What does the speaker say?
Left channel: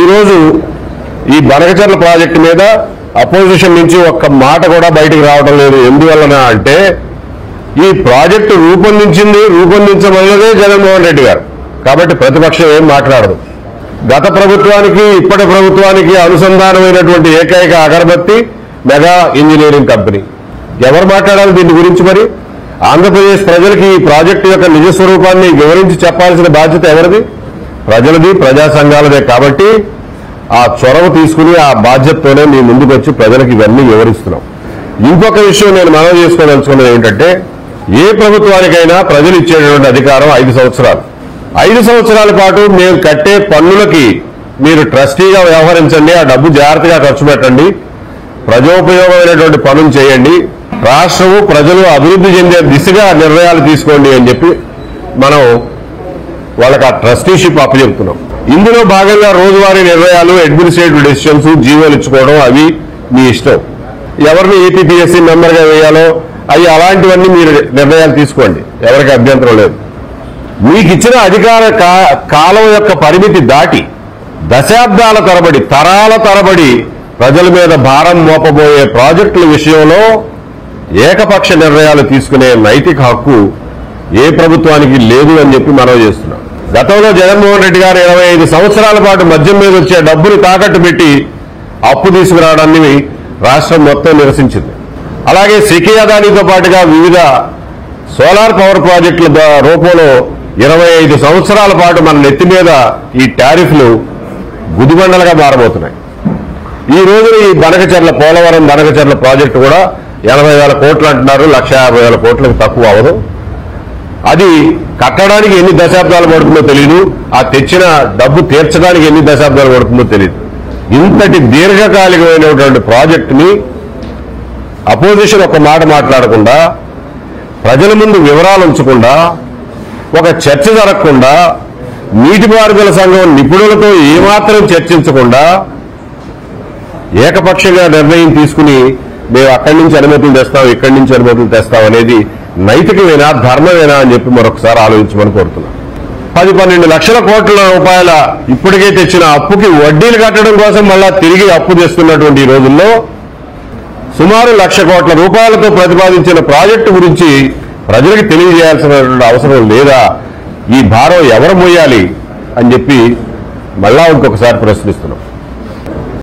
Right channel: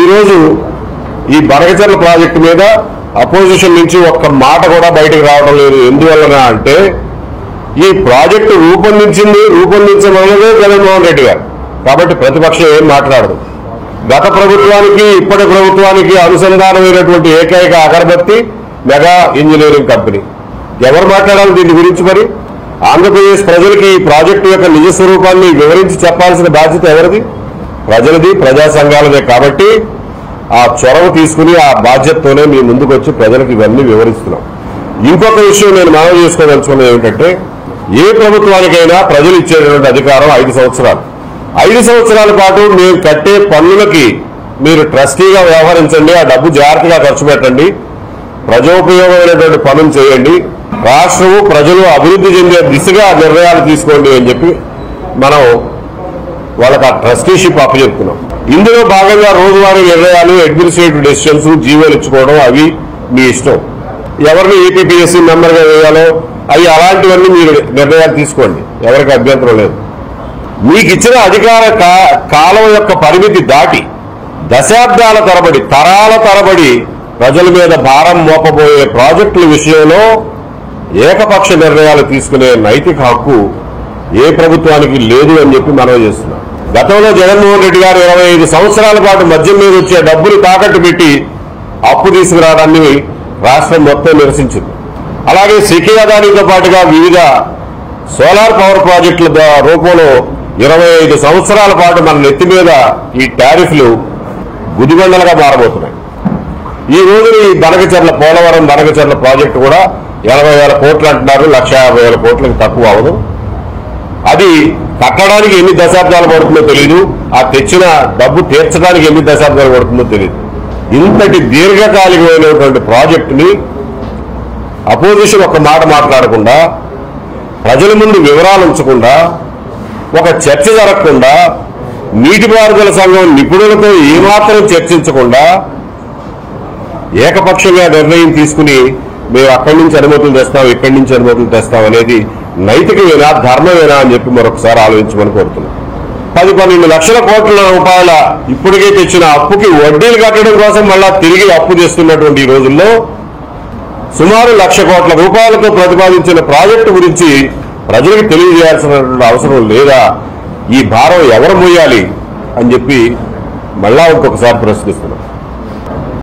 ఈ రోజు ఈ బనకచెర్ల ప్రాజెక్టు మీద అపోజిషన్ నుంచి ఒక్క మాట కూడా బయటకు రావడం లేదు. ఎందువలన అంటే ఈ ప్రాజెక్టు రూపొందించమన్నదే జగన్మోహన్ రెడ్డి గారు. కాబట్టి ప్రతిపక్షం ఏం మాట్లాడదు. గత ప్రభుత్వానికి ఇప్పటి ప్రభుత్వానికి అనుసంధానమైనటువంటి ఏకైక అగరబత్తి మెగా ఇంజనీరింగ్ కంపెనీ. ఎవరు మాట్లాడాలి దీని గురించి? మరి ఆంధ్రప్రదేశ్ ప్రజలకి ఈ ప్రాజెక్టు యొక్క నిజ స్వరూపాన్ని వివరించి చెప్పాల్సిన బాధ్యత ఎవరిది? ప్రజలది, ప్రజా సంఘాలదే. కాబట్టి ఆ చొరవ తీసుకుని ఆ బాధ్యతతోనే మీ ముందుకు వచ్చి ప్రజలకు ఇవన్నీ వివరిస్తున్నాం. ఇంకొక విషయం నేను మనవి చేసుకోదలుచుకున్నది ఏమిటంటే, ఏ ప్రభుత్వానికైనా ప్రజలు ఇచ్చేటువంటి అధికారం 5 సంవత్సరాలు. 5 సంవత్సరాల పాటు మేము కట్టే పన్నులకి మీరు ట్రస్టీగా వ్యవహరించండి, ఆ డబ్బు జాగ్రత్తగా ఖర్చు పెట్టండి, ప్రజోపయోగమైనటువంటి పనులు చేయండి, రాష్ట్రము ప్రజలు అభివృద్ధి చెందే దిశగా నిర్ణయాలు తీసుకోండి అని చెప్పి మనం వాళ్ళకి ఆ ట్రస్టీషిప్ అప్పచెప్తున్నాం. ఇందులో భాగంగా రోజువారీ నిర్ణయాలు, అడ్మినిస్ట్రేటివ్ డెసిషన్స్, జీవోలు ఇచ్చుకోవడం అవి మీ ఇష్టం. ఎవరిని ఏపీపీఎస్సీ మెంబర్గా వేయాలో అవి అలాంటివన్నీ మీరు నిర్ణయాలు తీసుకోండి, ఎవరికి అభ్యంతరం లేదు. మీకు ఇచ్చిన అధికార కాలం యొక్క పరిమితి దాటి దశాబ్దాల తరబడి, తరాల తరబడి ప్రజల మీద భారం మోపబోయే ప్రాజెక్టుల విషయంలో ఏకపక్ష నిర్ణయాలు తీసుకునే నైతిక హక్కు ఏ ప్రభుత్వానికి లేదు అని చెప్పి మనం చేస్తున్నాం. గతంలో జగన్మోహన్ రెడ్డి గారు 25 సంవత్సరాల పాటు మద్యం మీద వచ్చే డబ్బులు తాకట్టు పెట్టి అప్పు తీసుకురావడాన్ని రాష్ట్రం మొత్తం నిరసించింది. అలాగే సిటీ అదానితో పాటుగా వివిధ సోలార్ పవర్ ప్రాజెక్టుల రూపంలో 25 సంవత్సరాల పాటు మన నెత్తి మీద ఈ టారిఫ్లు గుదిబండలుగా మారబోతున్నాయి. ఈ రోజు ఈ పోలవరం బనకచెర్ల ప్రాజెక్టు కూడా 80,000 కోట్లు అంటున్నారు. 1,50,000 కోట్లకు తక్కువ అవదు. అది కట్టడానికి ఎన్ని దశాబ్దాలు పడుతుందో తెలియదు, ఆ తెచ్చిన డబ్బు తీర్చడానికి ఎన్ని దశాబ్దాలు పడుతుందో తెలియదు. ఇంతటి దీర్ఘకాలికమైనటువంటి ప్రాజెక్టుని అపోజిషన్ ఒక మాట మాట్లాడకుండా, ప్రజల ముందు వివరాలు ఉంచకుండా, ఒక చర్చ జరగకుండా, నీటిపారుదల సంఘం నిపుణులతో ఏమాత్రం చర్చించకుండా ఏకపక్షంగా నిర్ణయం తీసుకుని మేము అక్కడి నుంచి అనుమతులు తెస్తాం, ఇక్కడి నుంచి అనుమతులు తెస్తాం అనేది నైతికమేనా, ధర్మమేనా అని చెప్పి మరొకసారి ఆలోచించమని కోరుతున్నాం. 10-12 లక్షల కోట్ల రూపాయల ఇప్పటికే తెచ్చిన అప్పుకి వడ్డీలు కట్టడం కోసం మళ్ళా తిరిగి అప్పు తెస్తున్నటువంటి ఈ రోజుల్లో సుమారు 1,00,000 కోట్ల రూపాయలతో ప్రతిపాదించిన ప్రాజెక్టు గురించి ప్రజలకు తెలియజేయాల్సినటువంటి అవసరం లేదా? ఈ భారం ఎవరు మోయాలి అని చెప్పి మళ్ళా ఇంకొకసారి ప్రశ్నిస్తున్నాం.